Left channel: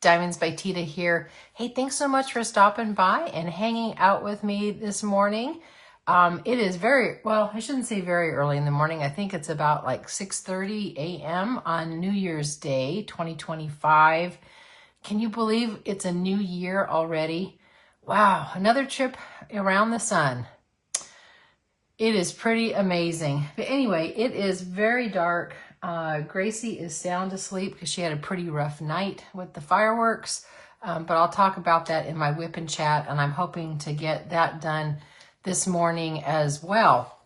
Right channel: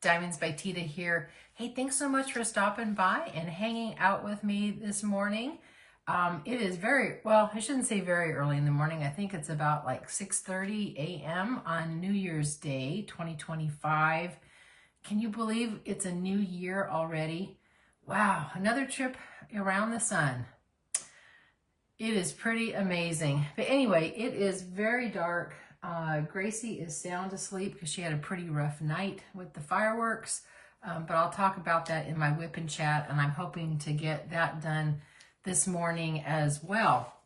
Diamonds by Teeda here. Hey, thanks so much for stopping by and hanging out with me this morning. It is well, I shouldn't say very early in the morning. I think it's about like 6:30 a.m. on New Year's Day, 2025. Can you believe it's a new year already? Wow, another trip around the sun. It is pretty amazing. But anyway, it is very dark. Gracie is sound asleep because she had a pretty rough night with the fireworks. But I'll talk about that in my whip and chat, and I'm hoping to get that done this morning as well.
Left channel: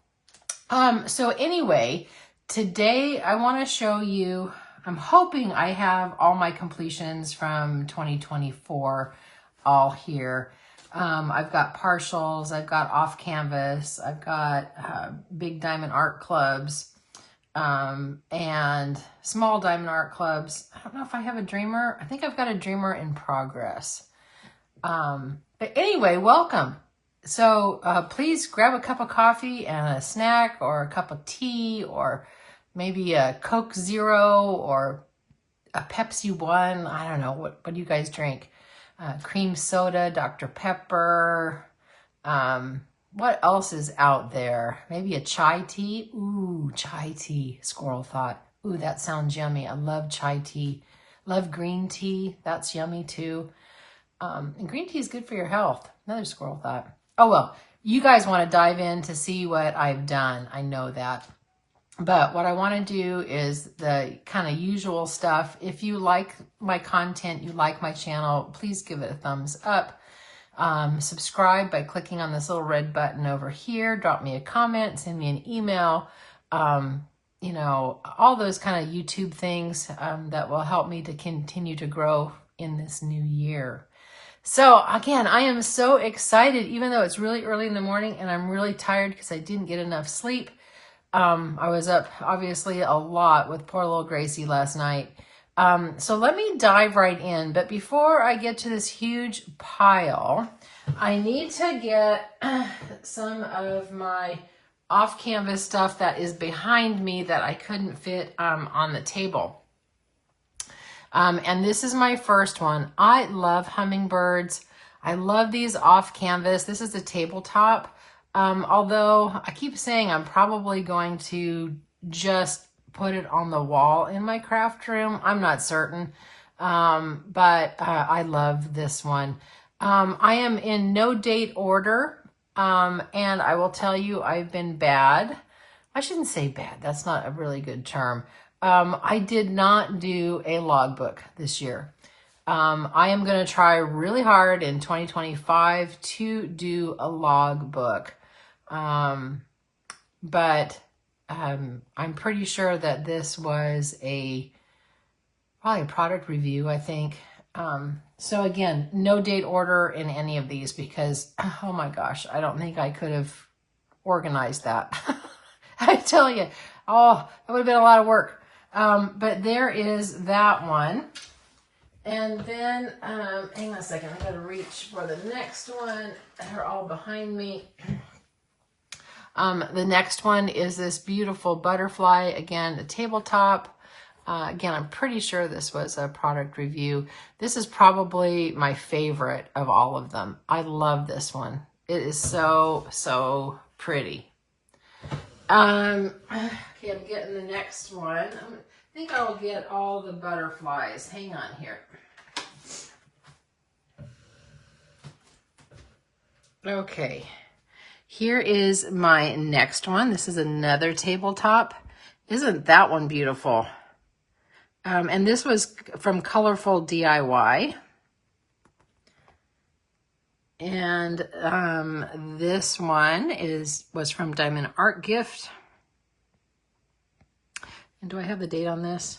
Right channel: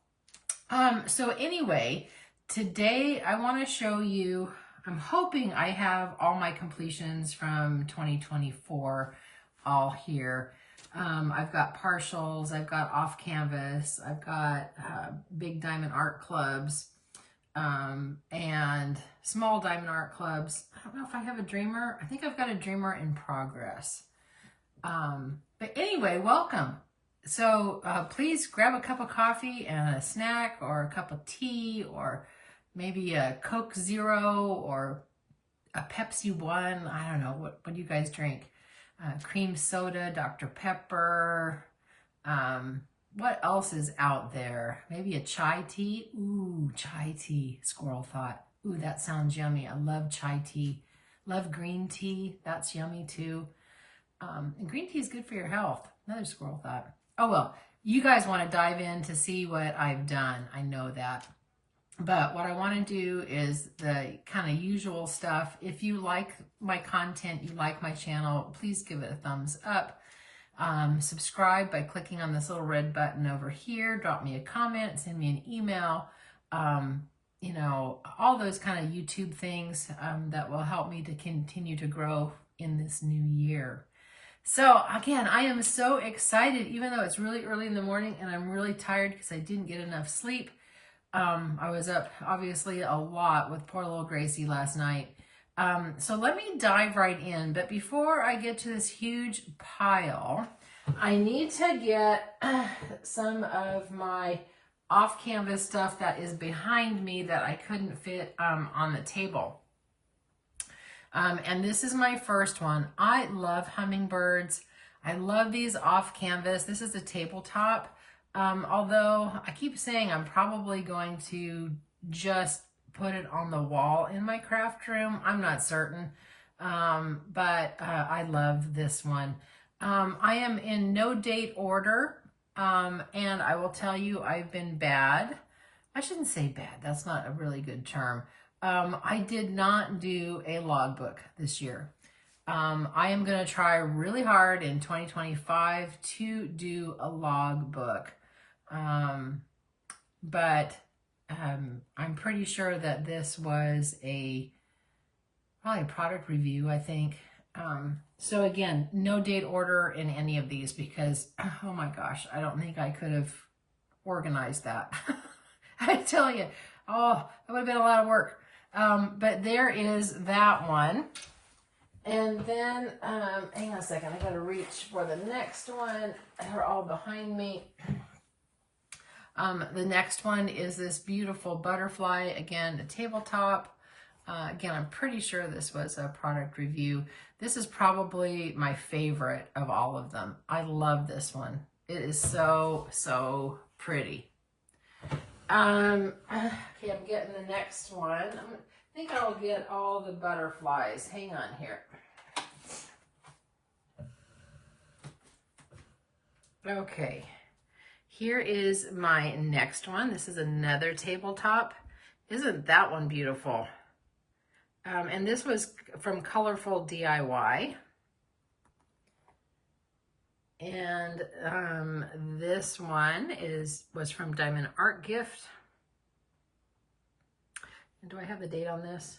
So anyway, today I want to show you, I'm hoping I have all my completions from 2024 all here. I've got partials, I've got off canvas, I've got big diamond art clubs, and small diamond art clubs. I don't know if I have a dreamer. I think I've got a dreamer in progress. But anyway, welcome. So please grab a cup of coffee and a snack, or a cup of tea, or maybe a Coke Zero or a Pepsi One. I don't know, what do you guys drink? Cream soda, Dr. Pepper. What else is out there? Maybe a chai tea. Ooh, chai tea. Squirrel thought. Ooh, that sounds yummy. I love chai tea. Love green tea. That's yummy too. And green tea is good for your health. Another squirrel thought. Oh, well, you guys want to dive in to see what I've done. I know that. But what I want to do is the kind of usual stuff. If you like my content, you like my channel, please give it a thumbs up. Subscribe by clicking on this little red button over here. Drop me a comment, send me an email. You know, all those kind of YouTube things that will help me to continue to grow in this new year. So again, I am so excited, even though it's really early in the morning and I'm really tired because I didn't get enough sleep. I was up obviously a lot with poor little Gracie last night. So let me dive right in. But before I get to this huge pile, I need to get some of my off-canvas stuff that is behind me that I couldn't fit on the table. And this is my first one. I love hummingbirds. I love these off-canvas. This is a tabletop. Although I keep saying I'm probably going to just put it on the wall in my craft room. I'm not certain, but I love this one. I am in no date order, and I will tell you I've been bad. I shouldn't say bad. That's not a really good term. I did not do a logbook this year. I am going to try really hard in 2025 to do a logbook. But I'm pretty sure that this was probably a product review, I think. So again, no date order in any of these because, oh my gosh, I don't think I could have organized that. I tell you, oh, that would have been a lot of work. But there is that one. And then, hang on a second, I gotta reach for the next one. They're all behind me. The next one is this beautiful butterfly, again, a tabletop. Again, I'm pretty sure this was a product review. This is probably my favorite of all of them. I love this one. It is so, so pretty. Okay, I'm getting the next one. I think I'll get all the butterflies. Hang on here. Okay, here is my next one. This is another tabletop. Isn't that one beautiful? And this was from Colorful DIY. And this one was from Diamond Art Gift. And do I have the date on this?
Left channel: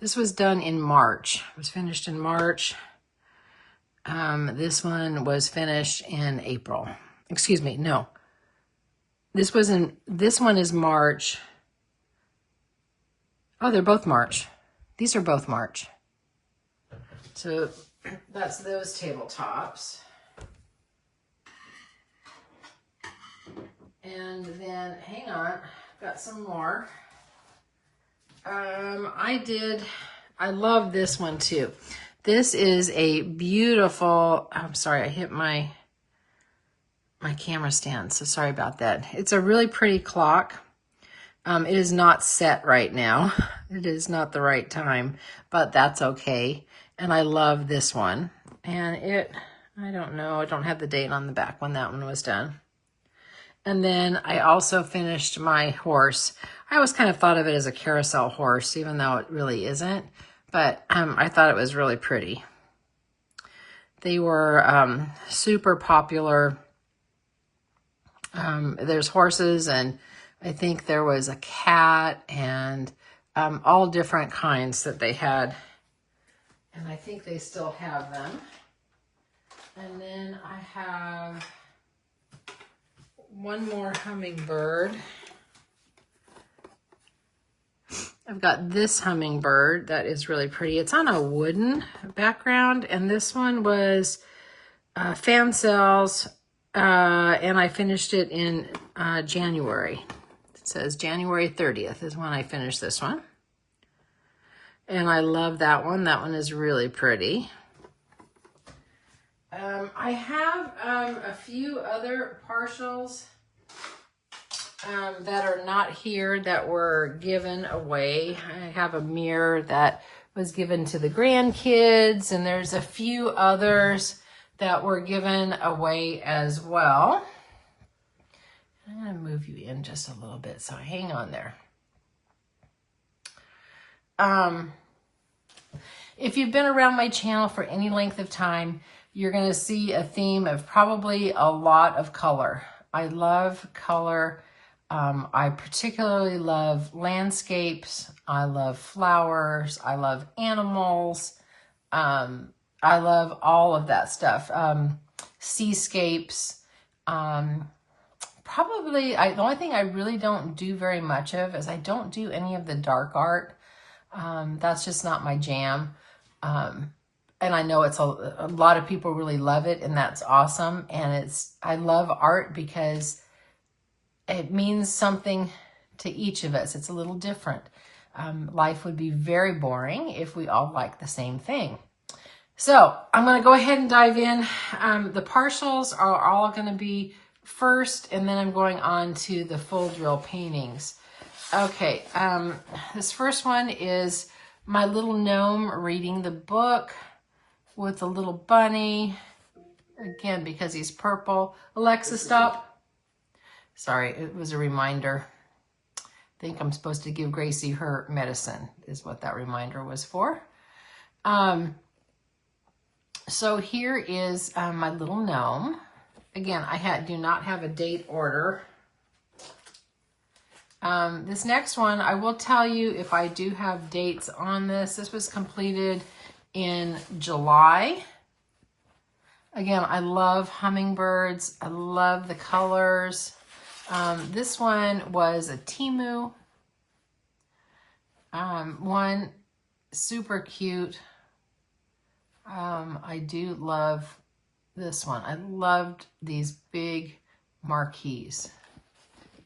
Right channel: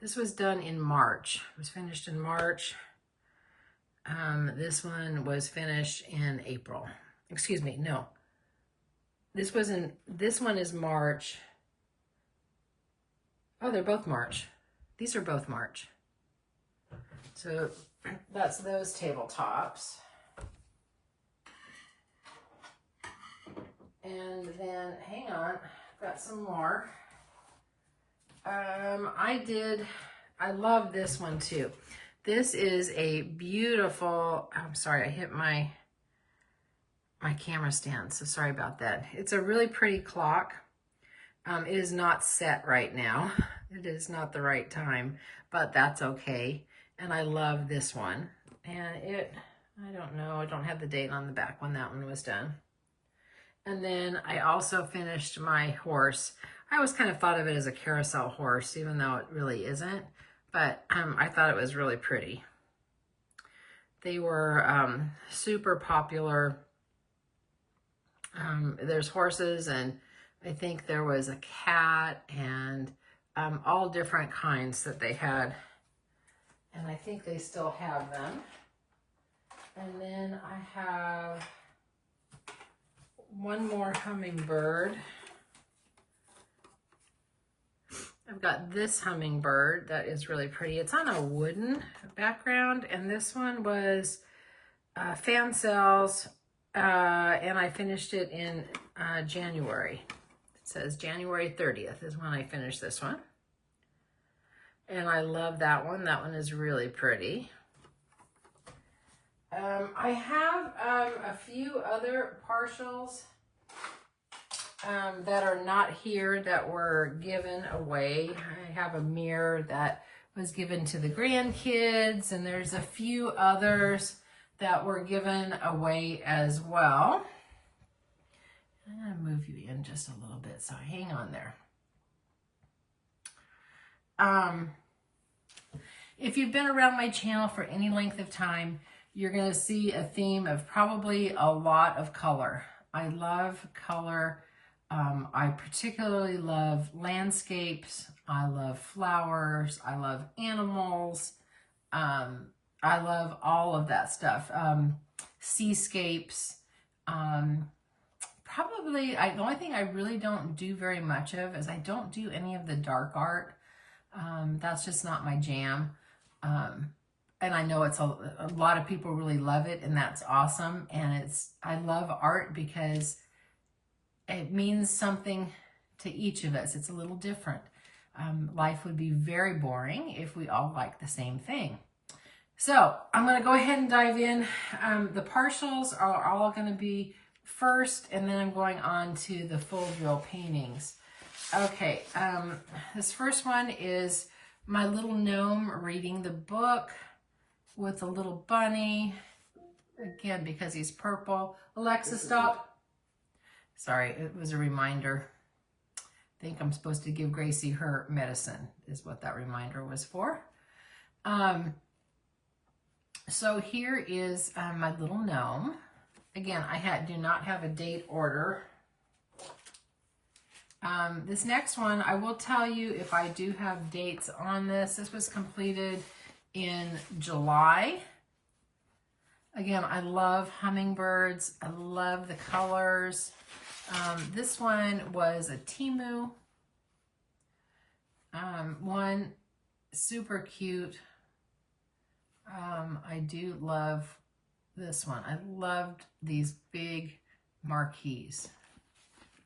This was done in March. It was finished in March. This one was finished in April. Excuse me, no. This one is March. Oh, they're both March. These are both March. So that's those tabletops. And then, hang on, got some more. I love this one too. This is a beautiful, I'm sorry, I hit my camera stand, so sorry about that. It's a really pretty clock. It is not set right now. It is not the right time, but that's okay. And I love this one. And I don't know, I don't have the date on the back when that one was done. And then I also finished my horse. I always kind of thought of it as a carousel horse, even though it really isn't. But I thought it was really pretty. They were super popular. There's horses, and I think there was a cat, and all different kinds that they had. And I think they still have them. And then I have one more hummingbird. I've got this hummingbird that is really pretty. It's on a wooden background, and this one was fan cells, and I finished it in January. It says January 30th is when I finished this one. And I love that one. That one is really pretty. I have a few other partials that are not here that were given away. I have a mirror that was given to the grandkids, and there's a few others that were given away as well. I'm going to move you in just a little bit, so hang on there. If you've been around my channel for any length of time, you're going to see a theme of probably a lot of color. I love color. I particularly love landscapes. I love flowers. I love animals. I love all of that stuff. Seascapes. Probably, the only thing I really don't do very much of is I don't do any of the dark art. That's just not my jam. And I know it's a lot of people really love it, and that's awesome. And I love art because it means something to each of us. It's a little different. Life would be very boring if we all liked the same thing. So I'm going to go ahead and dive in. The partials are all going to be first, and then I'm going on to the full drill paintings. Okay, this first one is my little gnome reading the book with a little bunny. Again, because he's purple. Alexa, stop. Sorry, it was a reminder. I think I'm supposed to give Gracie her medicine, is what that reminder was for. So here is my little gnome. Again, I do not have a date order. This next one, I will tell you if I do have dates on this. This was completed in July. Again, I love hummingbirds. I love the colors. This one was a Temu. One super cute. I do love this one. I loved these big marquees.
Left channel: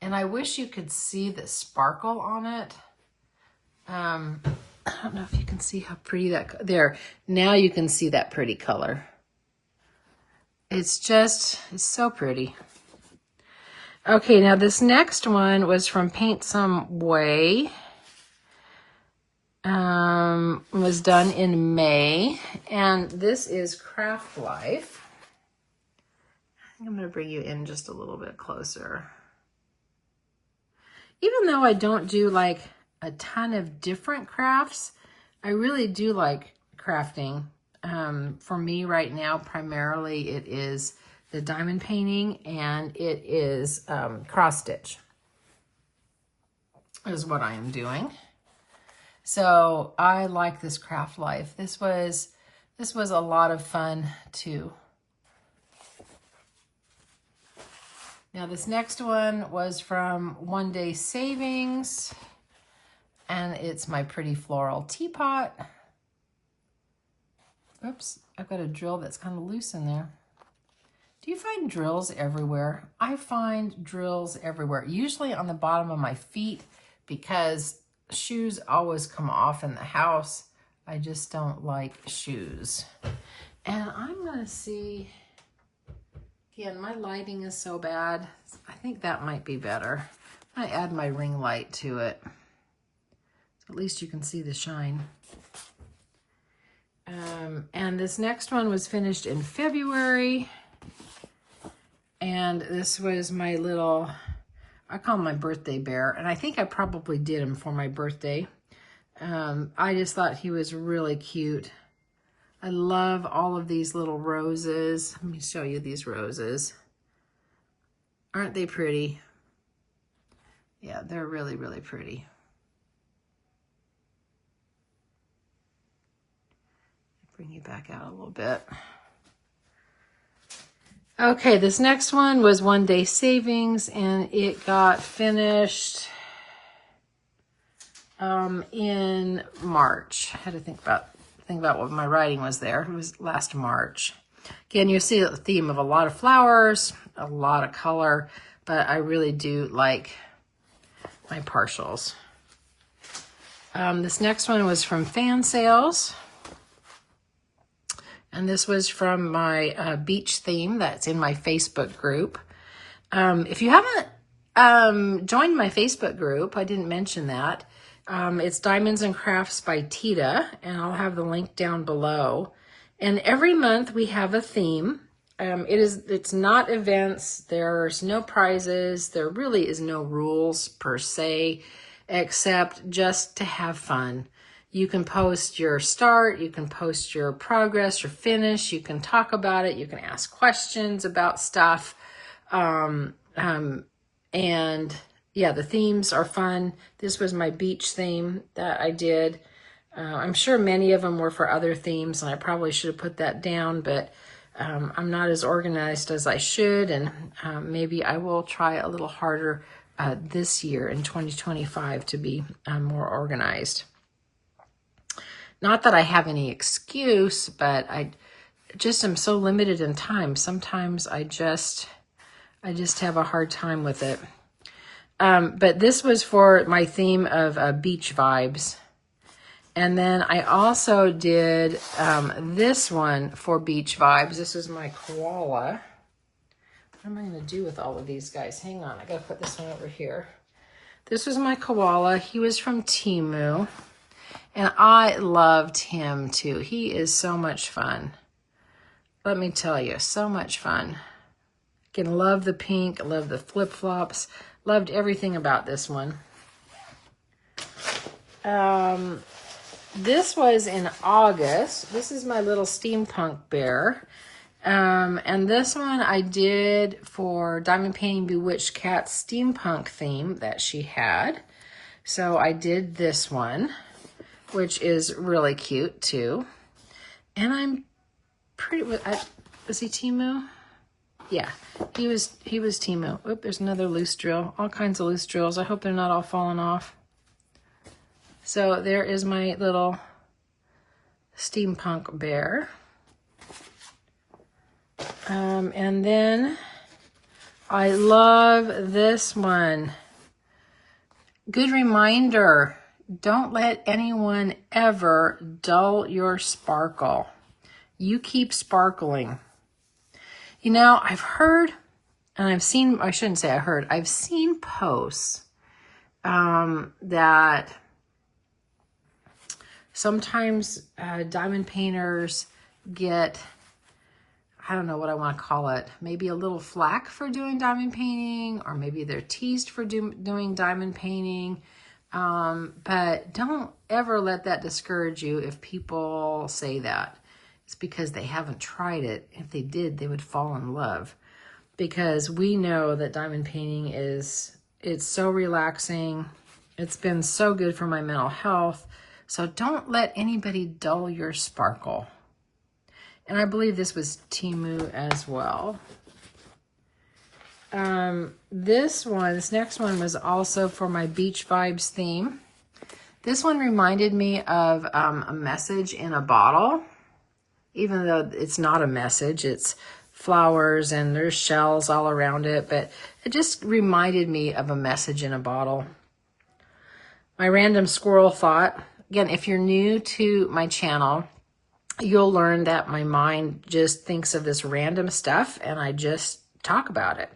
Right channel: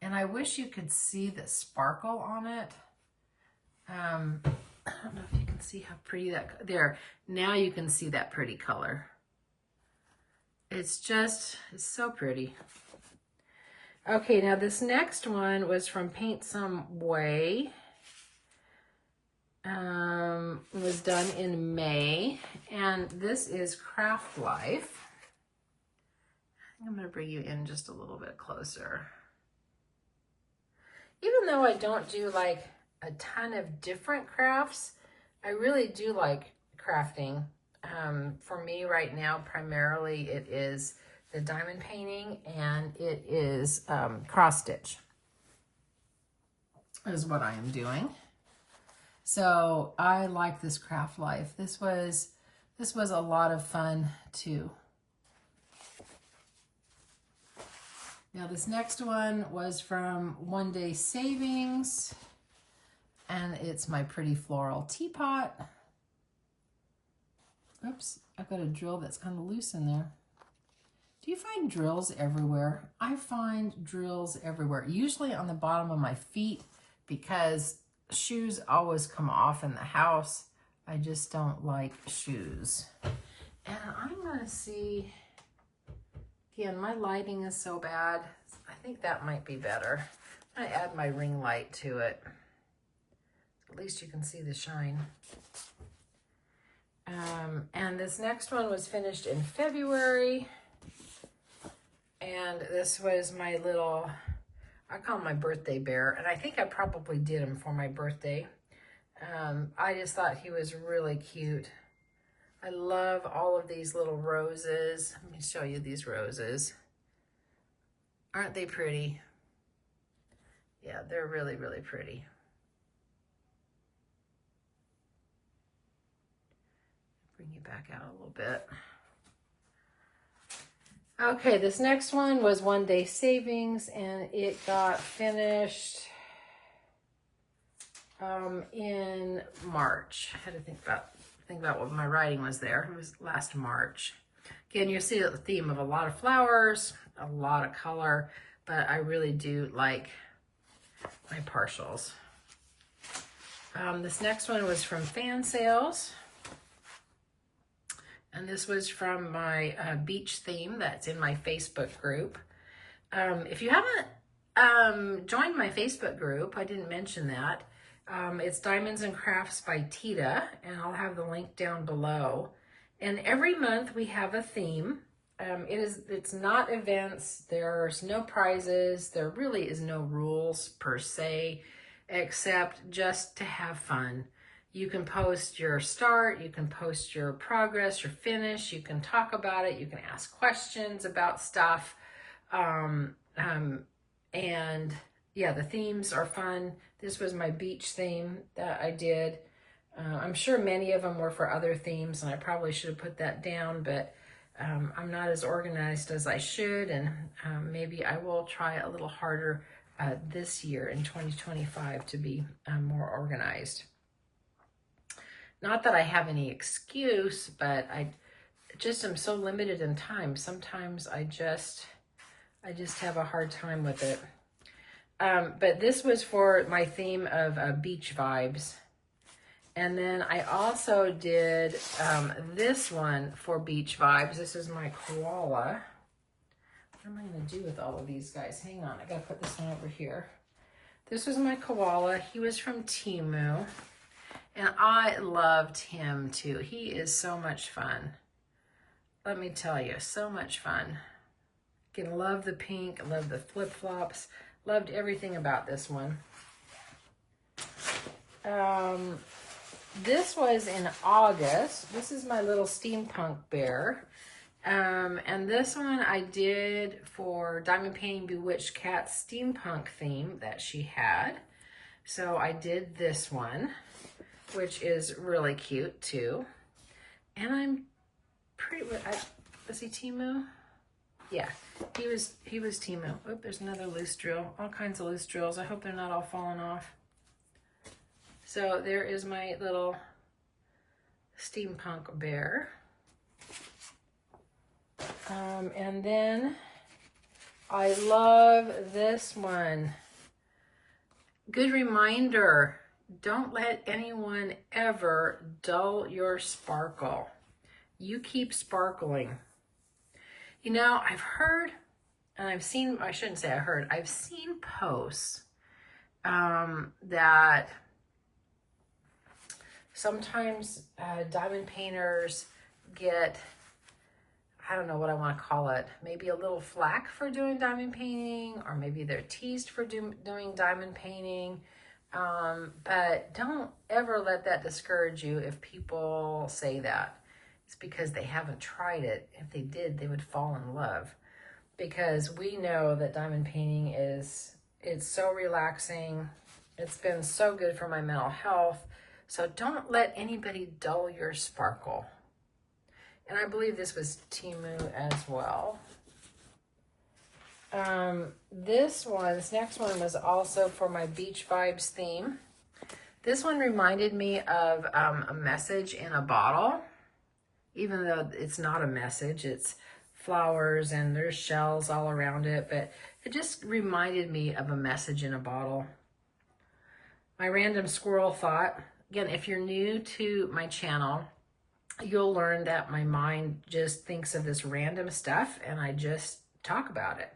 And I wish you could see the sparkle on it. I don't know if you can see how pretty that, there. Now you can see that pretty color. It's so pretty. Okay, now this next one was from Paint Some Way. Was done in May. And this is Craft Life. I think I'm going to bring you in just a little bit closer. Even though I don't do like a ton of different crafts, I really do like crafting. For me right now, primarily it is the diamond painting, and it is cross stitch is what I am doing. So I like this Craft Life. This was a lot of fun too. Now this next one was from One Day Savings, and it's my pretty floral teapot. Oops, I've got a drill that's kind of loose in there. Do you find drills everywhere? I find drills everywhere, usually on the bottom of my feet, because shoes always come off in the house. I just don't like shoes. And I'm gonna see, again, my lighting is so bad. I think that might be better. I'm gonna add my ring light to it. So at least you can see the shine. And this next one was finished in February. And this was my little, I call him my birthday bear. And I think I probably did him for my birthday. I just thought he was really cute. I love all of these little roses. Let me show you these roses. Aren't they pretty? Yeah, they're really, really pretty. Bring you back out a little bit. Okay, this next one was One Day Savings, and it got finished in March. I had to think about what my writing was there. It was last March. Again, you see a theme of a lot of flowers, a lot of color, but I really do like my partials. This next one was from Fan Sales. And this was from my beach theme that's in my Facebook group. If you haven't joined my Facebook group, I didn't mention that. It's DiamondsByTeeda, and I'll have the link down below. And every month we have a theme. It's not events. There's no prizes. There really is no rules per se, except just to have fun. You can post your start, you can post your progress, your finish, you can talk about it, you can ask questions about stuff. And yeah, the themes are fun. This was my beach theme that I did. I'm sure many of them were for other themes, and I probably should have put that down, but I'm not as organized as I should, and maybe I will try a little harder this year in 2025 to be more organized. Not that I have any excuse, but I just am so limited in time. Sometimes I just have a hard time with it. But this was for my theme of beach vibes. And then I also did this one for beach vibes. This is my koala. What am I going to do with all of these guys? Hang on, I got to put this one over here. This was my koala. He was from Temu. And I loved him too. He is so much fun. Let me tell you, so much fun. Again, love the pink, love the flip-flops, loved everything about this one. This was in August. This is my little steampunk bear. And this one I did for Diamond Painting Bewitched Cat's steampunk theme that she had. So I did this one, which is really cute too. And I'm pretty, was he Temu? Yeah, he was Temu. Oop, there's another loose drill. All kinds of loose drills. I hope they're not all falling off. So there is my little steampunk bear. And then I love this one. Good reminder. Don't let anyone ever dull your sparkle. You keep sparkling. You know, I've heard, and I've seen, I shouldn't say I heard, I've seen posts that sometimes diamond painters get, I don't know what I want to call it, maybe a little flack for doing diamond painting, or maybe they're teased for doing diamond painting. But don't ever let that discourage you if people say that. It's because they haven't tried it. If they did, they would fall in love. Because we know that diamond painting it's so relaxing. It's been so good for my mental health. So don't let anybody dull your sparkle. And I believe this was Temu as well. This next one was also for my beach vibes theme. This one reminded me of a message in a bottle, even though it's not a message, it's flowers and there's shells all around it, but it just reminded me of a message in a bottle. My random squirrel thought, again, if you're new to my channel, you'll learn that my mind just thinks of this random stuff and I just talk about it.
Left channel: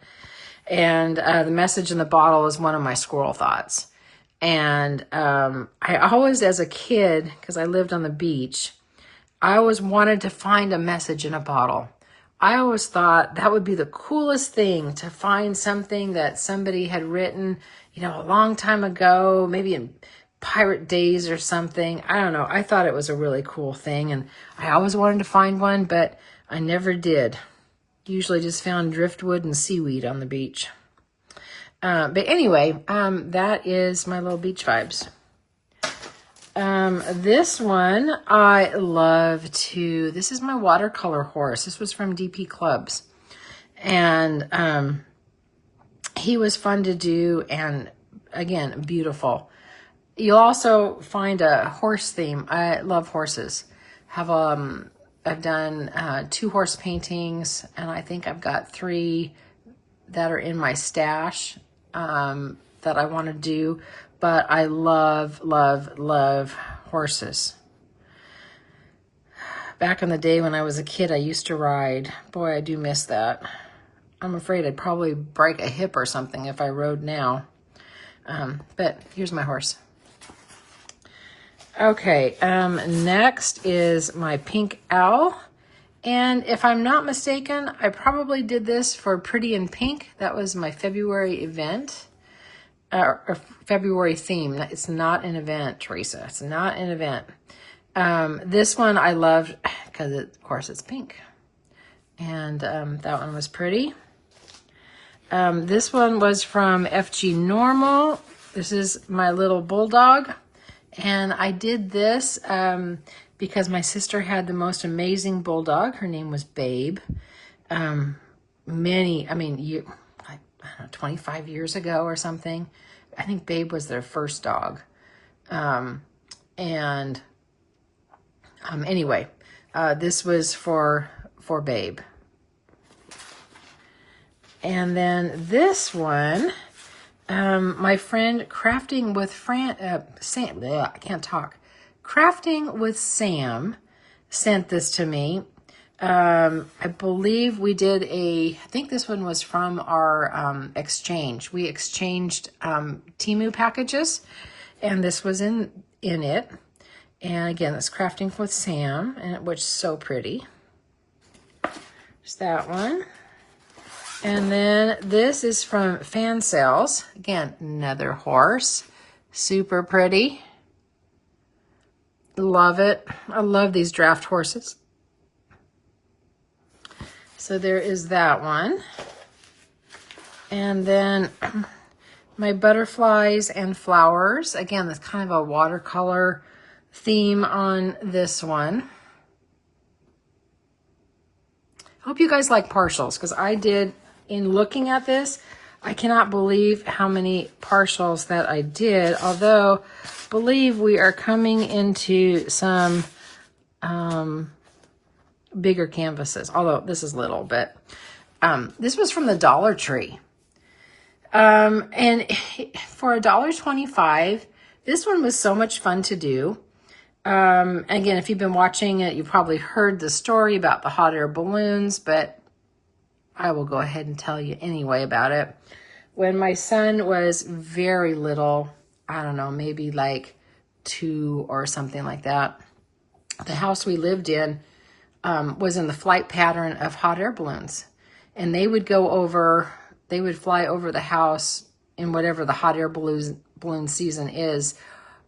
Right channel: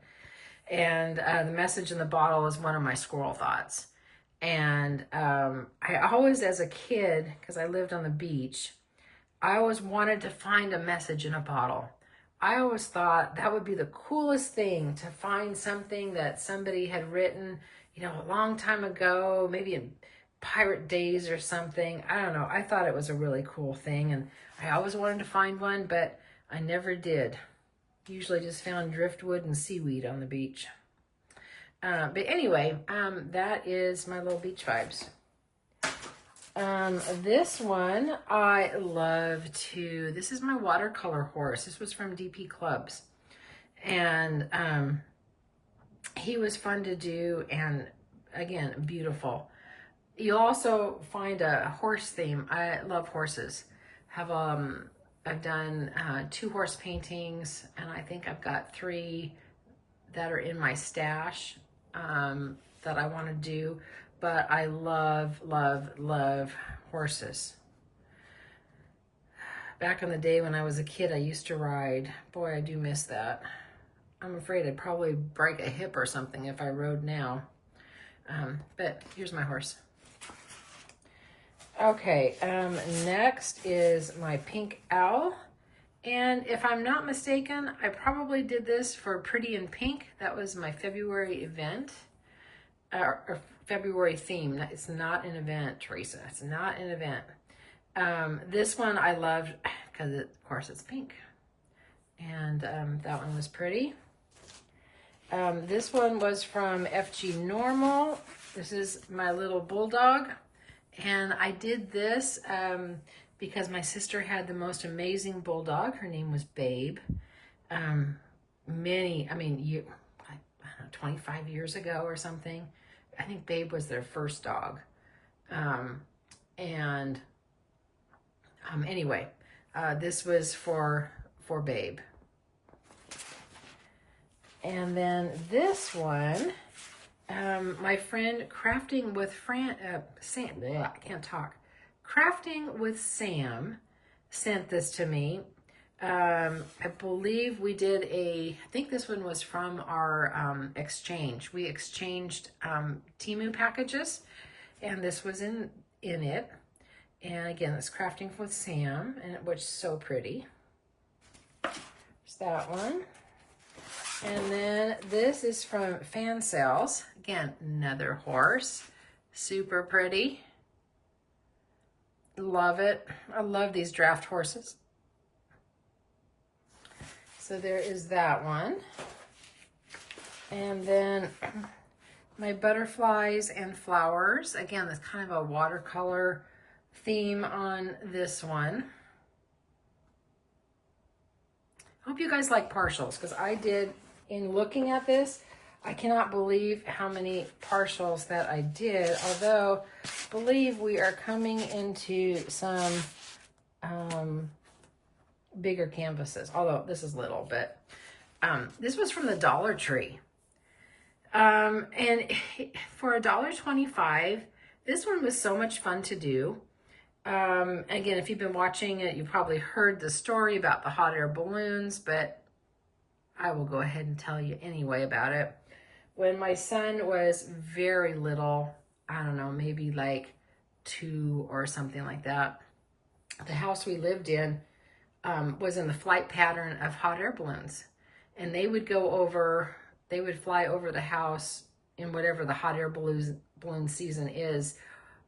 And the message in the bottle is one of my squirrel thoughts. And I always, as a kid, because I lived on the beach, I always wanted to find a message in a bottle. I always thought that would be the coolest thing, to find something that somebody had written, you know, a long time ago, maybe in pirate days or something. I don't know. I thought it was a really cool thing, and I always wanted to find one, but I never did. Usually just found driftwood and seaweed on the beach. But anyway, that is my little beach vibes. This one I love too. This is my watercolor horse. This was from DP Clubs. And he was fun to do, and again, beautiful. You'll also find a horse theme. I love horses. I've done 2 horse paintings, and I think I've got 3 that are in my stash that I want to do. But I love, love, love horses. Back in the day when I was a kid, I used to ride. Boy, I do miss that. I'm afraid I'd probably break a hip or something if I rode now. But here's my horse. Okay, next is my pink owl. And if I'm not mistaken, I probably did this for Pretty in Pink. That was my February event. Or February theme. It's not an event, Teresa. It's not an event. This one I loved because, of course, it's pink. And that one was pretty. This one was from FG Normal. This is my little bulldog. And I did this because my sister had the most amazing bulldog. Her name was Babe. I don't know, 25 years ago or something. I think Babe was their first dog. Anyway, this was for Babe. And then this one, my friend Crafting with Sam, I can't talk. Crafting with Sam sent this to me. I believe we did I think this one was from our exchange. We exchanged Temu packages, and this was in it. And again, that's Crafting with Sam, and it was so pretty. There's that one. And then this is from Fan Sales. Again, another horse. Super pretty. Love it. I love these draft horses. So there is that one. And then my butterflies and flowers. Again, that's kind of a watercolor theme on this one. I hope you guys like partials, because I did, in looking at this, I cannot believe how many partials that I did, although I believe we are coming into some bigger canvases, although this is little, but this was from the Dollar Tree. And for $1.25, this one was so much fun to do. Again, if you've been watching it, you probably heard the story about the hot air balloons, but I will go ahead and tell you anyway about it. When my son was very little, I don't know, maybe like 2 or something like that, the house we lived in was in the flight pattern of hot air balloons. And they would fly over the house in whatever the hot air balloon season is,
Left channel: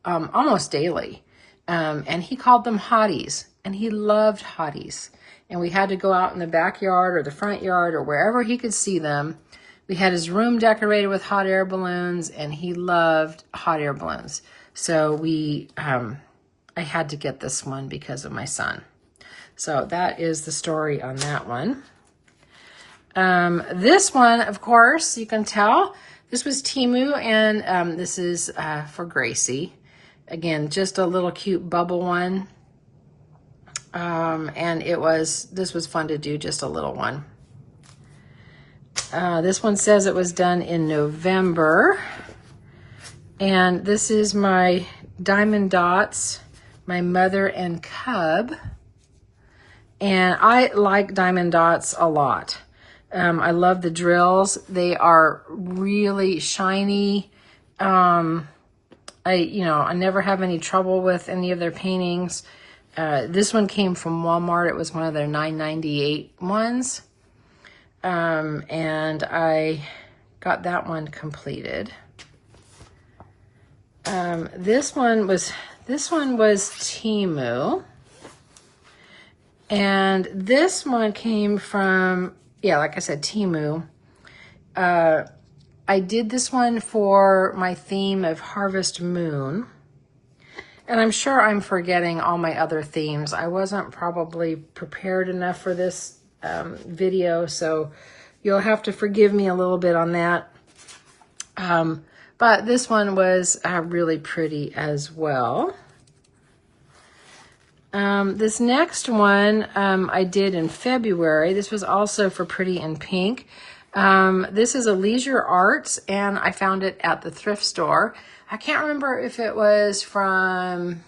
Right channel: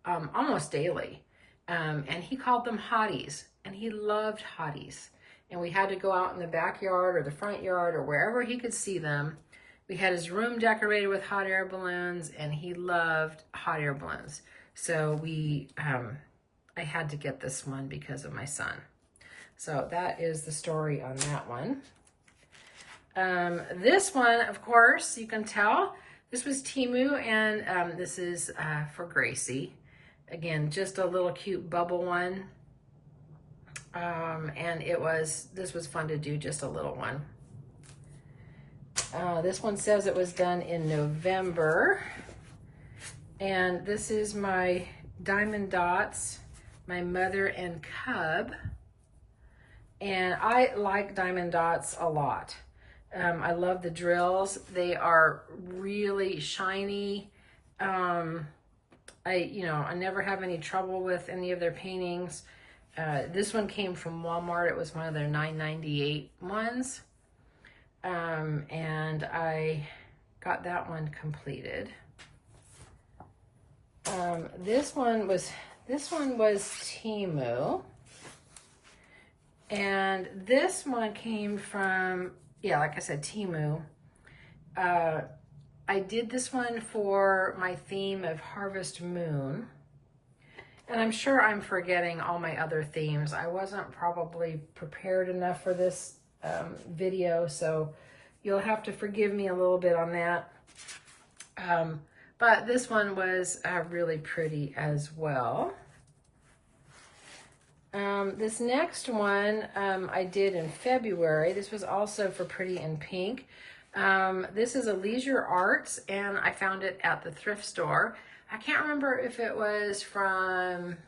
almost daily. And he called them hotties, and he loved hotties. And we had to go out in the backyard or the front yard or wherever he could see them. We had his room decorated with hot air balloons, and he loved hot air balloons. So I had to get this one because of my son. So that is the story on that one. This one, of course, you can tell, this was Temu, and this is for Gracie. Again, just a little cute bubble one. And this was fun to do, just a little one. This one says it was done in November. And this is my Diamond Dotz, my mother and cub. And I like Diamond Dotz a lot. I love the drills. They are really shiny. I never have any trouble with any of their paintings. This one came from Walmart. It was one of their $9.98 ones. And I got that one completed. This one was Temu. And this one came from, yeah, like I said, Temu. I did this one for my theme of Harvest Moon. And I'm sure I'm forgetting all my other themes. I wasn't probably prepared enough for this video, so you'll have to forgive me a little bit on that. But this one was really pretty as well. This next one I did in February. This was also for Pretty in Pink. This is a Leisure Arts, and I found it at the thrift store. I can't remember if it was from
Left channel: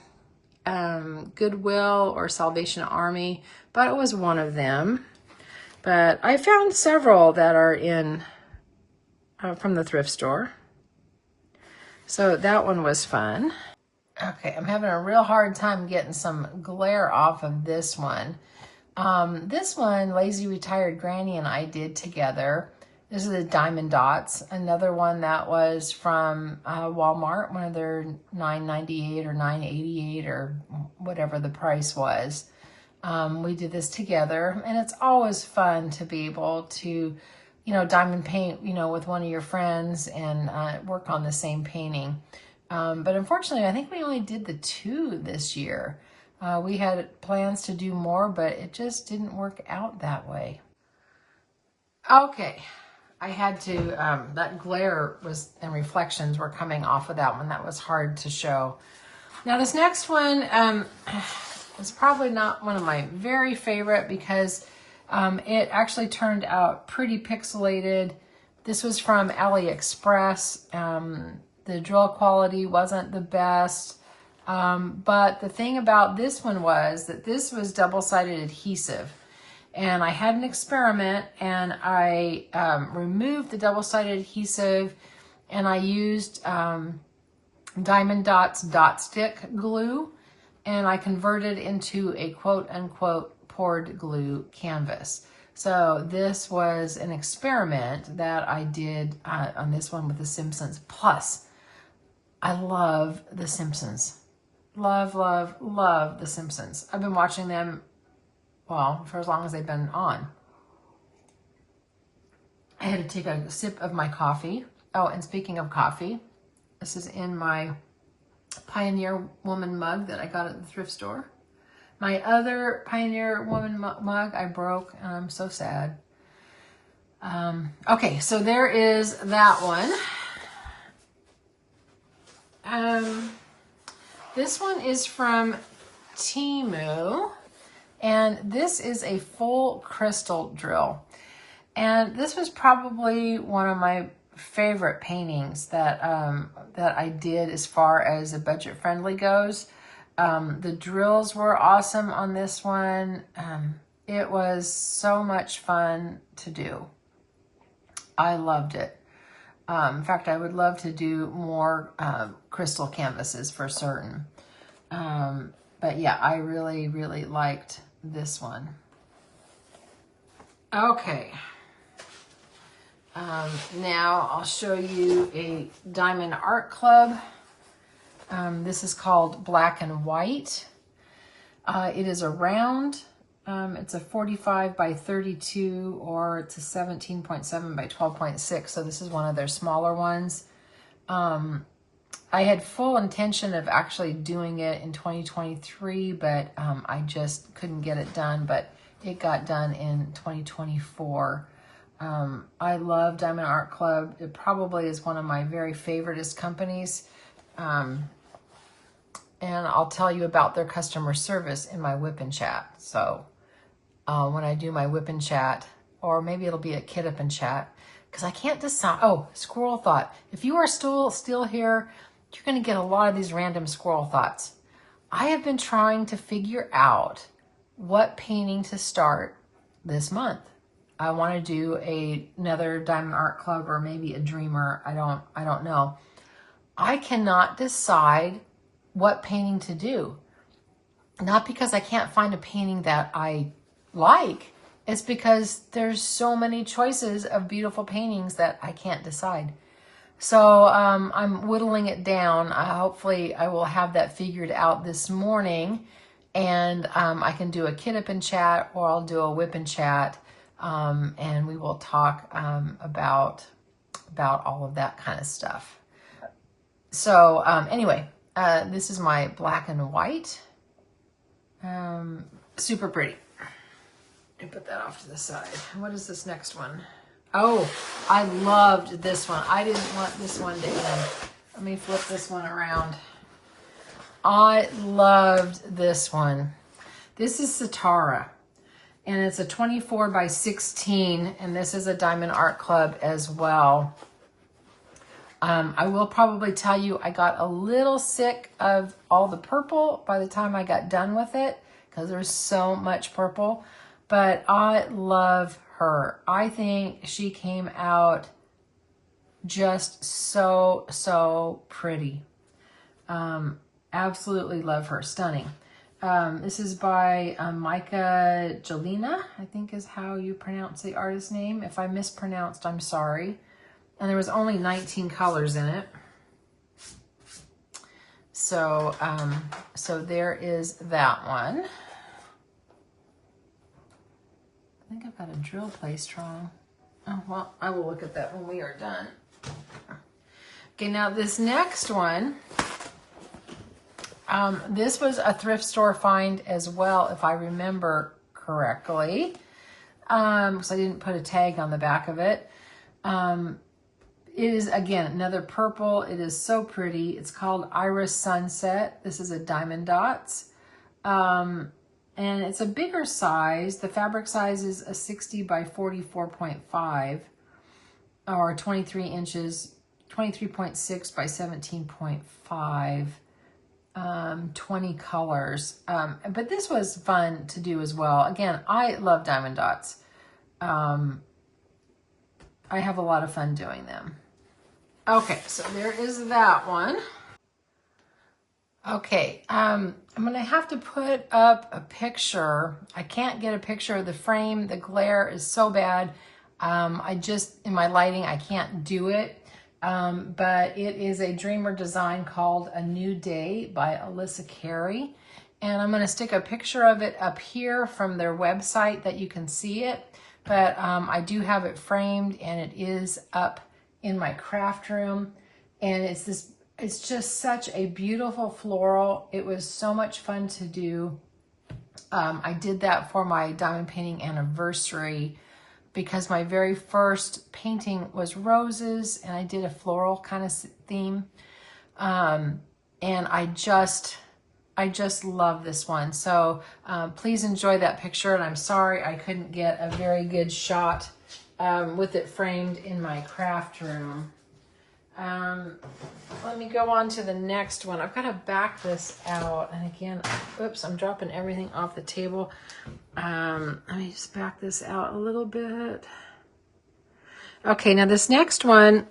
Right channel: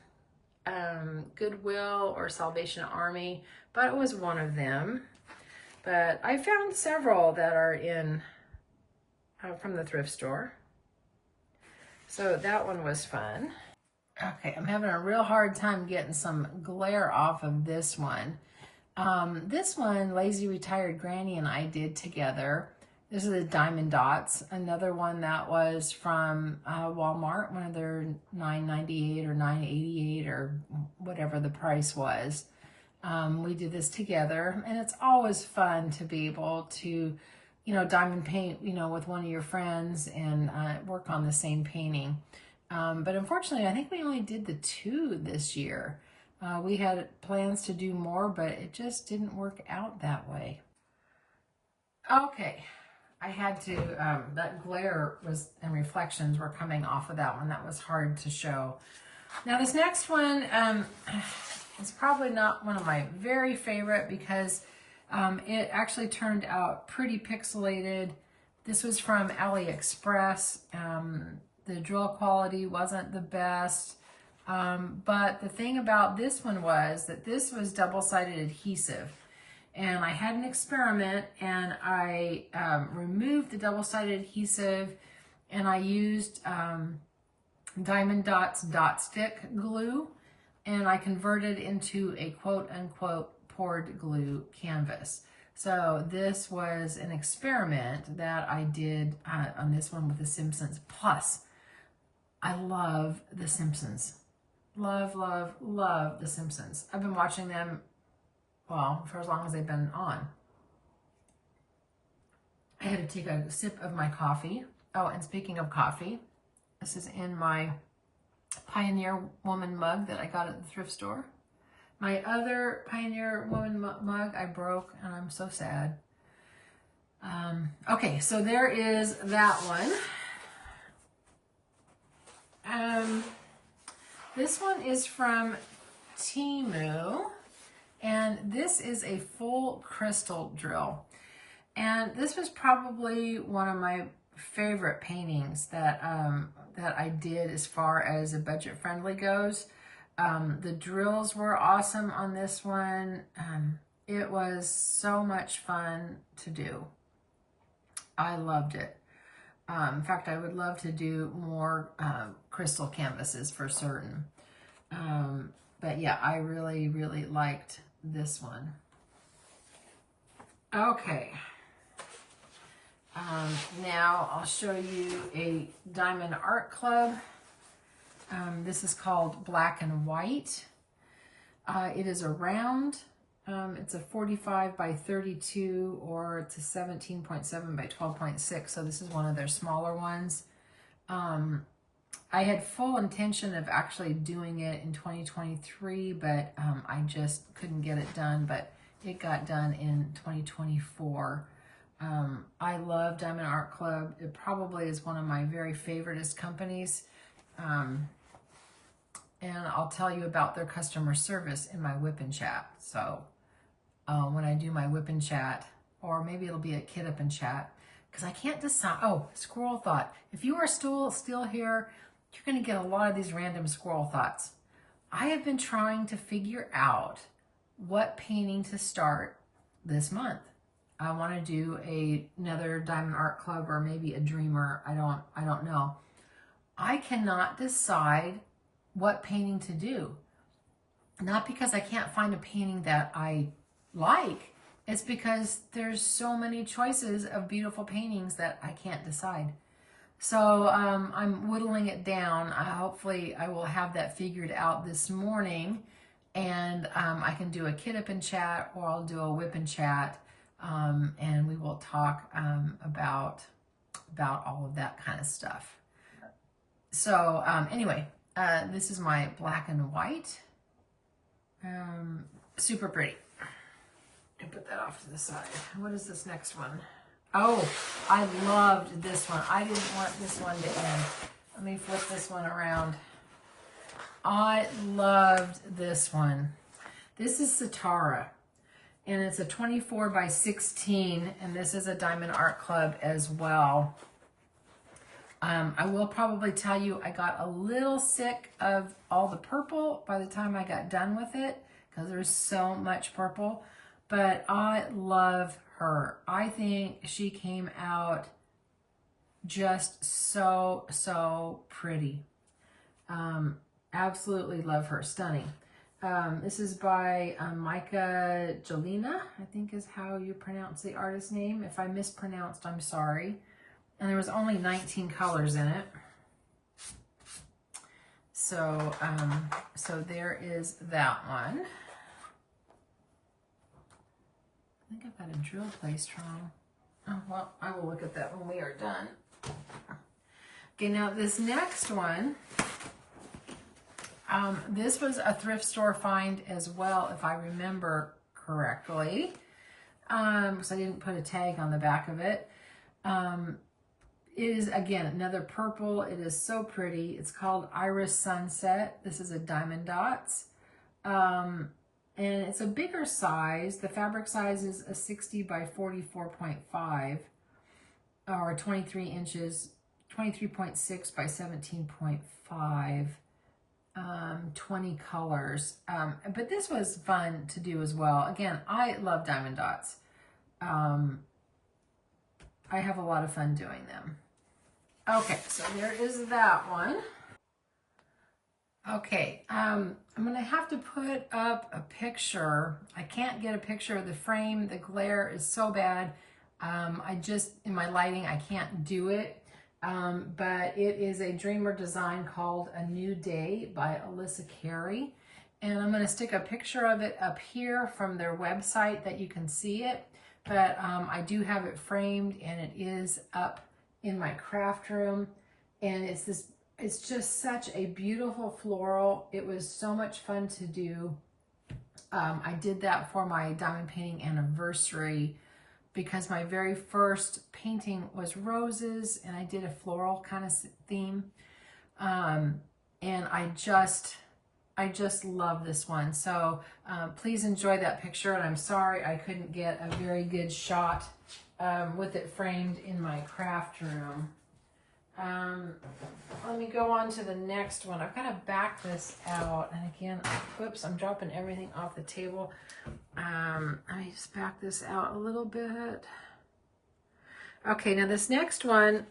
Goodwill or Salvation Army, but it was one of them. But I found several that are in from the thrift store. So that one was fun. Okay, I'm having a real hard time getting some glare off of this one. This one, Lazy Retired Granny and I did together. This is a Diamond Dotz, another one that was from Walmart, one of their $9.98 or $9.88 or whatever the price was. We did this together, and it's always fun to be able to, diamond paint, with one of your friends and work on the same painting. But unfortunately, I think we only did the 2 this year. We had plans to do more, but it just didn't work out that way. Okay, I had to, that glare was and reflections were coming off of that one. That was hard to show. Now this next one is probably not one of my very favorite because it actually turned out pretty pixelated. This was from AliExpress. The drill quality wasn't the best, but the thing about this one was that this was double-sided adhesive, and I had an experiment, and I removed the double-sided adhesive, and I used Diamond Dotz dot stick glue, and I converted into a quote-unquote poured glue canvas. So this was an experiment that I did on this one with The Simpsons. Plus, I love The Simpsons. Love, love, love The Simpsons. I've been watching them, well, for as long as they've been on. I had to take a sip of my coffee. Oh, and speaking of coffee, this is in my Pioneer Woman mug that I got at the thrift store. My other Pioneer Woman mug I broke, and I'm so sad. Okay, so there is that one. This one is from Temu, and this is a full crystal drill. And this was probably one of my favorite paintings that that I did as far as a budget friendly goes. The drills were awesome on this one. It was so much fun to do. I loved it. In fact, I would love to do more crystal canvases for certain. But yeah, I really, really liked this one. Okay. Now I'll show you a Diamond Art Club. This is called Black and White. It is a round. It's a 45 by 32, or it's a 17.7 by 12.6. So this is one of their smaller ones. I had full intention of actually doing it in 2023, but I just couldn't get it done, but it got done in 2024. I love Diamond Art Club. It probably is one of my very favoriteest companies. And I'll tell you about their customer service in my whip and chat. So when I do my whip and chat, or maybe it'll be a kit up and chat, because I can't decide. Oh, squirrel thought. If you are still here you're going to get a lot of these random squirrel thoughts. I have been trying to figure out what painting to start this month. I want to do another Diamond Art Club or maybe a Dreamer. I don't know. I cannot decide what painting to do. Not because I can't find a painting that I like. It's because there's so many choices of beautiful paintings that I can't decide. So I'm whittling it down. Hopefully I will have that figured out this morning, and I can do a kit up and chat, or I'll do a whip and chat, and we will talk about all of that kind of stuff. So anyway, this is my black and white. Super pretty. And put that off to the side. What is this next one? Oh, I loved this one. I didn't want this one to end. Let me flip this one around. I loved this one. This is Satara, and it's a 24 by 16, and this is a Diamond Art Club as well. I will probably tell you I got a little sick of all the purple by the time I got done with it, because there's so much purple. But I love her. I think she came out just so pretty. Absolutely love her. Stunning. This is by Micah Jelena, I think is how you pronounce the artist's name. If I mispronounced, I'm sorry. And there was only 19 colors in it. So, so there is that one. I think I've got a drill placed wrong. Oh, well, I will look at that when we are done. Okay, now this next one, this was a thrift store find as well, if I remember correctly, because I didn't put a tag on the back of it. It is, again, another purple. It is so pretty. It's called Iris Sunset. This is a Diamond Dotz. And it's a bigger size. The fabric size is a 60 by 44.5, or 23 inches, 23.6 by 17.5, 20 colors. But this was fun to do as well. Again, I love Diamond Dots. I have a lot of fun doing them. Okay, so there is that one. Okay, I'm going to have to put up a picture. I can't get a picture of the frame. The glare is so bad. I just, in my lighting, I can't do it. But it is a Dreamer design called A New Day by Alyssa Carey. And I'm going to stick a picture of it up here from their website that you can see it. But I do have it framed, and it is up in my craft room. And it's this, it's just such a beautiful floral. It was so much fun to do. I did that for my diamond painting anniversary because my very first painting was roses, and I did a floral kind of theme. And I just love this one. So please enjoy that picture. And I'm sorry I couldn't get a very good shot with it framed in my craft room. Let me go on to the next one. I've got to back this out. And again, oops, I'm dropping everything off the table. Let me just back this out a little bit. Okay, now this next one,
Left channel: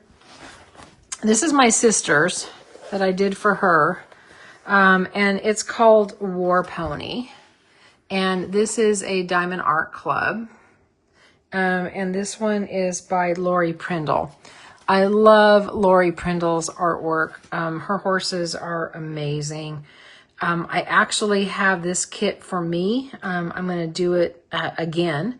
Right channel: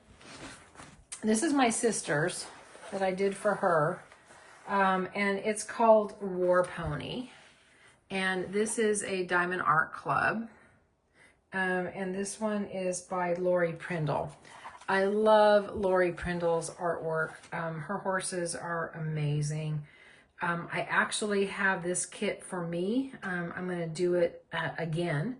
this is my sister's that I did for her. And it's called War Pony. And this is a Diamond Art Club. And this one is by Lori Prindle. I love Lori Prindle's artwork. Her horses are amazing. I actually have this kit for me. I'm going to do it again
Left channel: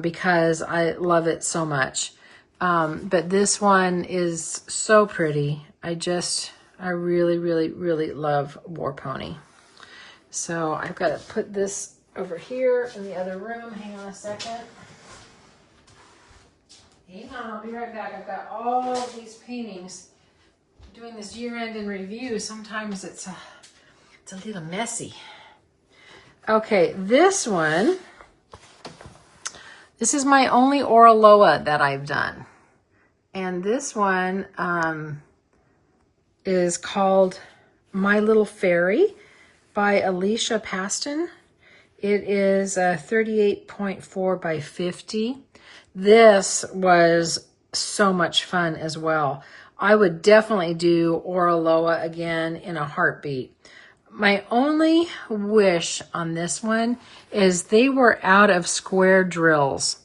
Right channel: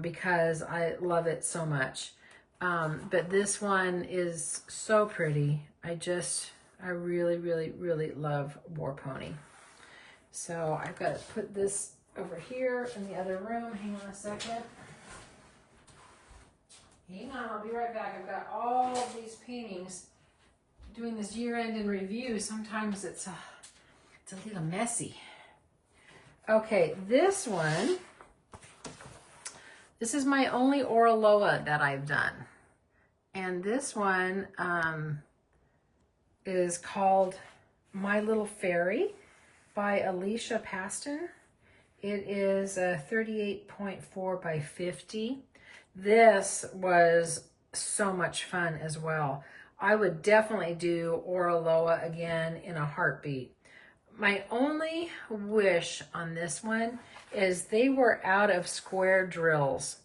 because I love it so much. But this one is so pretty. I really, really, really love War Pony. So I've got to put this over here in the other room. Hang on a second. Hang on, I'll be right back. I've got all these paintings. Doing this year-end in review, sometimes it's a little messy. Okay, this one, this is my only Oraloa that I've done. And this one, is called My Little Fairy by Alicia Paston. It is 38.4 by 50. This was so much fun as well. I would definitely do Oraloa again in a heartbeat. My only wish on this one is they were out of square drills,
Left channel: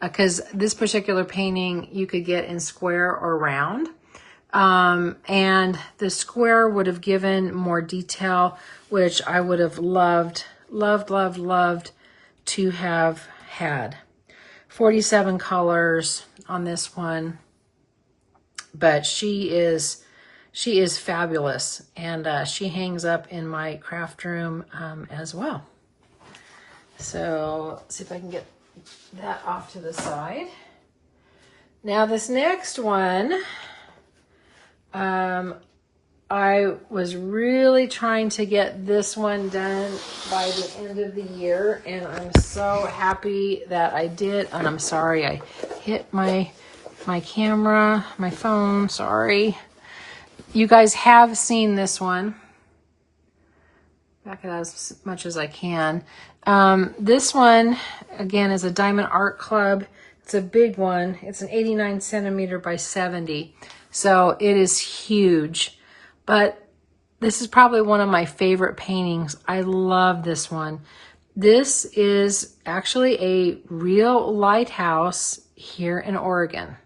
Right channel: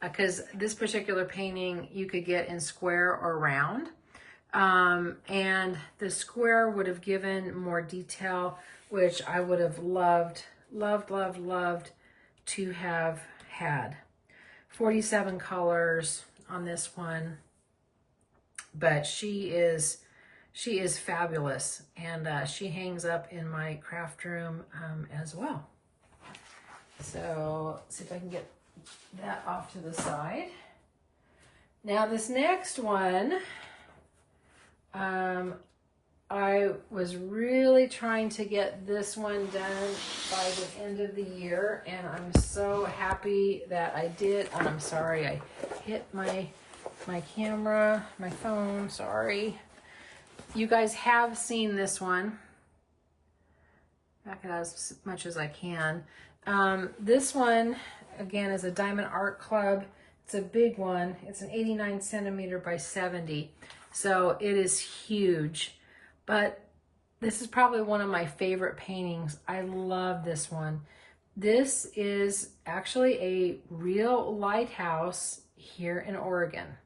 because this particular painting you could get in square or round. And the square would have given more detail, which I would have loved to have had. 47 colors on this one, but she is fabulous, and she hangs up in my craft room as well. So let's see if I can get that off to the side. Now this next one, I was really trying to get this one done by the end of the year, and I'm so happy that I did. And I'm sorry I hit my camera, my phone, sorry. You guys have seen this one. Back it as much as I can. This one, again, is a Diamond Art Club. It's a big one. It's an 89 centimeter by 70. So it is huge. But this is probably one of my favorite paintings. I love this one. This is actually a real lighthouse here in Oregon.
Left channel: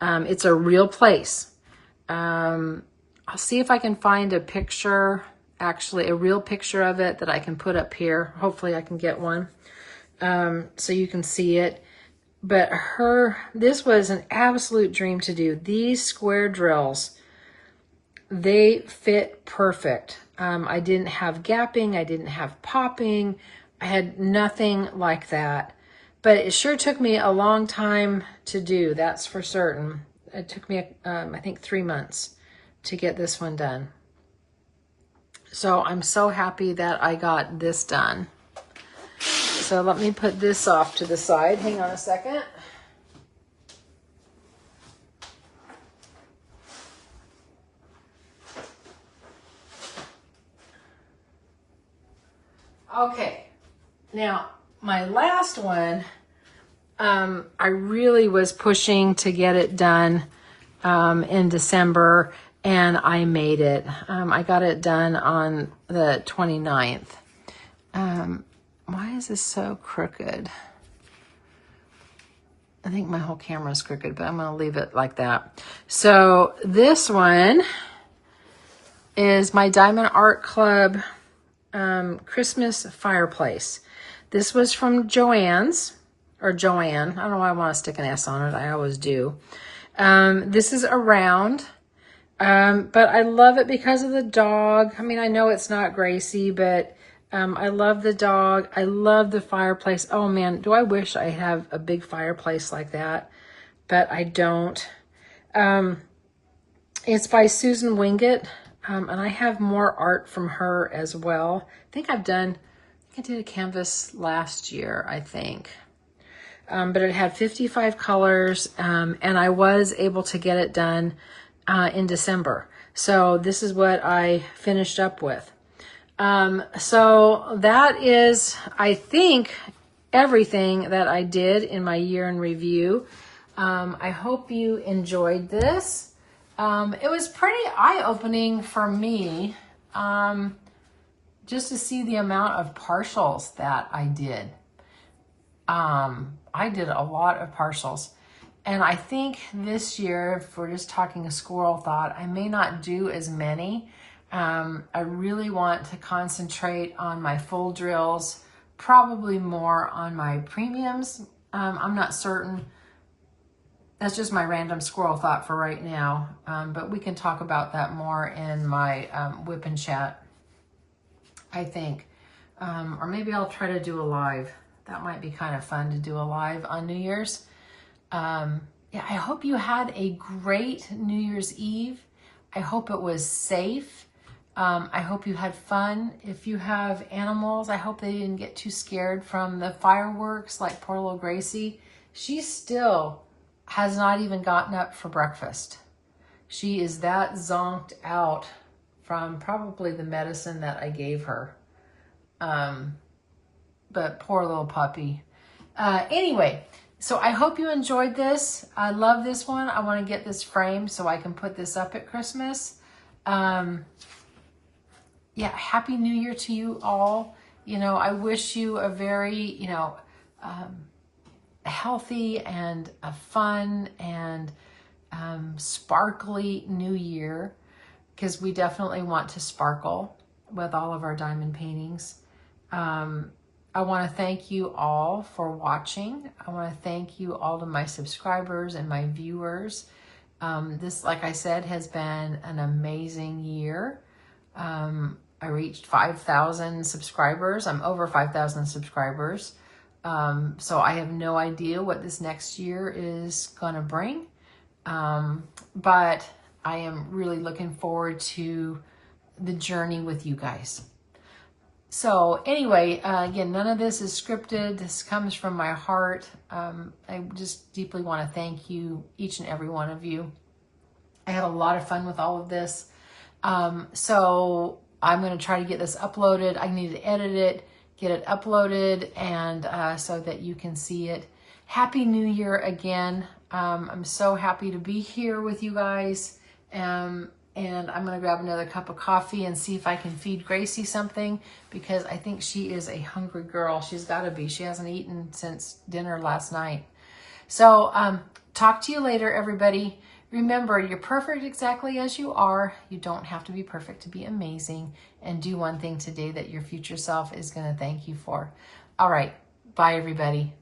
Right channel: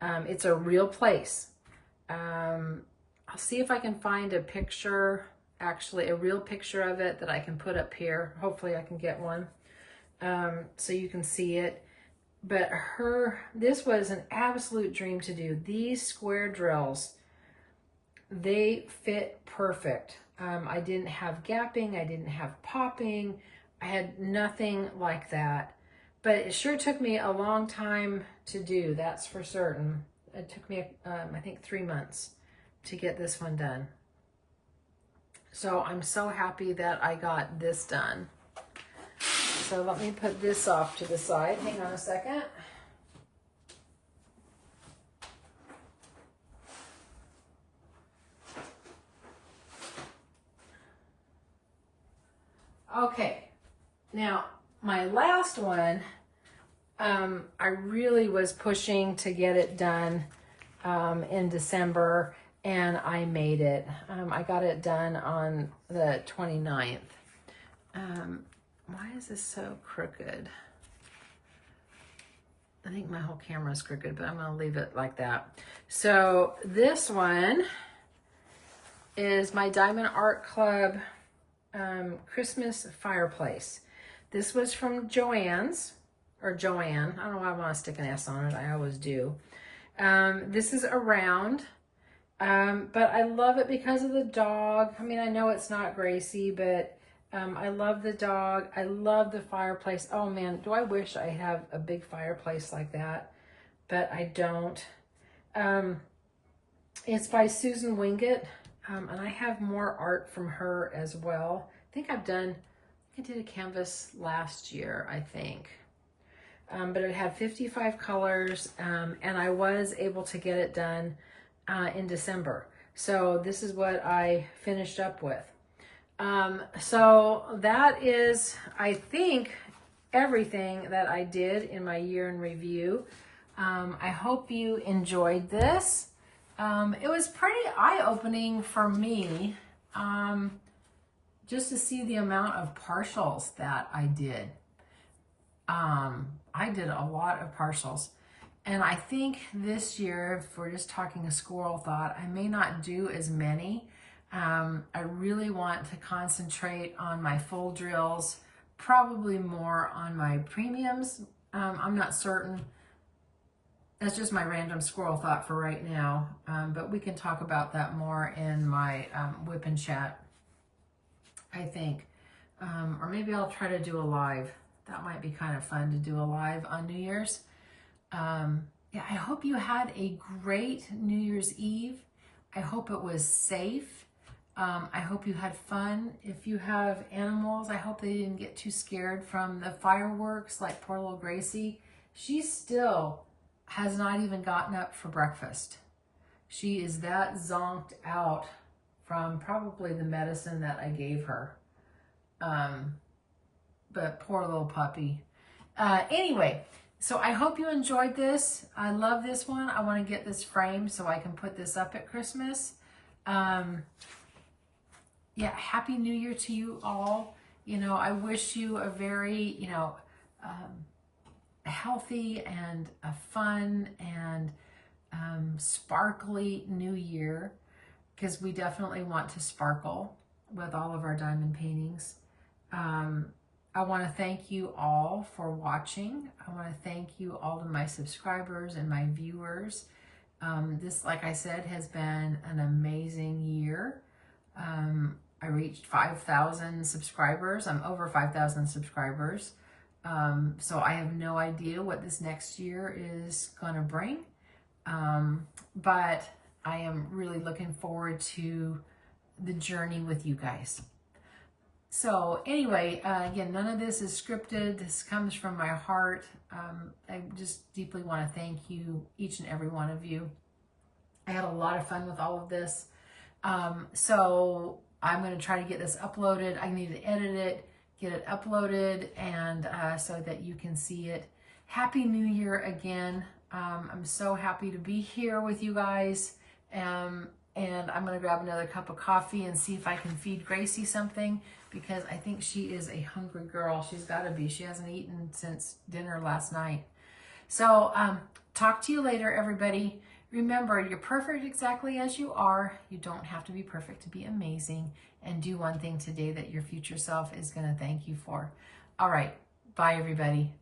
It's a real place. I'll see if I can find a picture, actually a real picture of it that I can put up here. Hopefully I can get one so you can see it. But this was an absolute dream to do. These square drills, they fit perfect. I didn't have gapping. I didn't have popping. I had nothing like that. But it sure took me a long time to do, that's for certain. It took me, I think, 3 months to get this one done. So I'm so happy that I got this done. So let me put this off to the side. Hang on a second. Okay, now my last one, I really was pushing to get it done in December, and I made it. I got it done on the 29th. Why is this so crooked? I think my whole camera is crooked, but I'm going to leave it like that. So this one is my Diamond Art Club Christmas fireplace. This was from Joann's, or Joanne. I don't know why I want to stick an S on it. I always do. This is a round, but I love it because of the dog. I mean, I know it's not Gracie, but I love the dog. I love the fireplace. Oh man, do I wish I have a big fireplace like that, but I don't. It's by Susan Wingate, and I have more art from her as well. I think I did a canvas last year, I think. But it had 55 colors, and I was able to get it done in December. So this is what I finished up with. So that is, I think, everything that I did in my year in review. I hope you enjoyed this. It was pretty eye-opening for me, just to see the amount of partials that I did. I did a lot of partials, and I think this year, if we're just talking a squirrel thought, I may not do as many. I really want to concentrate on my full drills, probably more on my premiums. I'm not certain. That's just my random squirrel thought for right now, but we can talk about that more in my whip and chat, I think. Or maybe I'll try to do a live. That might be kind of fun to do a live on New Year's. Yeah, I hope you had a great New Year's Eve. I hope it was safe. I hope you had fun. If you have animals, I hope they didn't get too scared from the fireworks like poor little Gracie. She still has not even gotten up for breakfast. She is that zonked out from probably the medicine that I gave her. But poor little puppy. Anyway, so I hope you enjoyed this. I love this one. I want to get this framed so I can put this up at Christmas. Yeah, Happy New Year to you all. You know, I wish you a very, you know, healthy and a fun and sparkly new year, because we definitely want to sparkle with all of our diamond paintings. I want to thank you all for watching. I want to thank you all to my subscribers and my viewers. This, like I said, has been an amazing year. I reached 5,000 subscribers. I'm over 5,000 subscribers. So I have no idea what this next year is going to bring. But I am really looking forward to the journey with you guys. So anyway, again, none of this is scripted. This comes from my heart. I just deeply want to thank you, each and every one of you. I had a lot of fun with all of this. So I'm going to try to get this uploaded. I need to edit it, get it uploaded, and so that you can see it. Happy New Year again. I'm so happy to be here with you guys. And I'm going to grab another cup of coffee and see if I can feed Gracie something, because I think she is a hungry girl. She's got to be. She hasn't eaten since dinner last night. So talk to you later, everybody. Remember, you're perfect exactly as you are. You don't have to be perfect to be amazing. And do one thing today that your future self is going to thank you for. All right. Bye, everybody.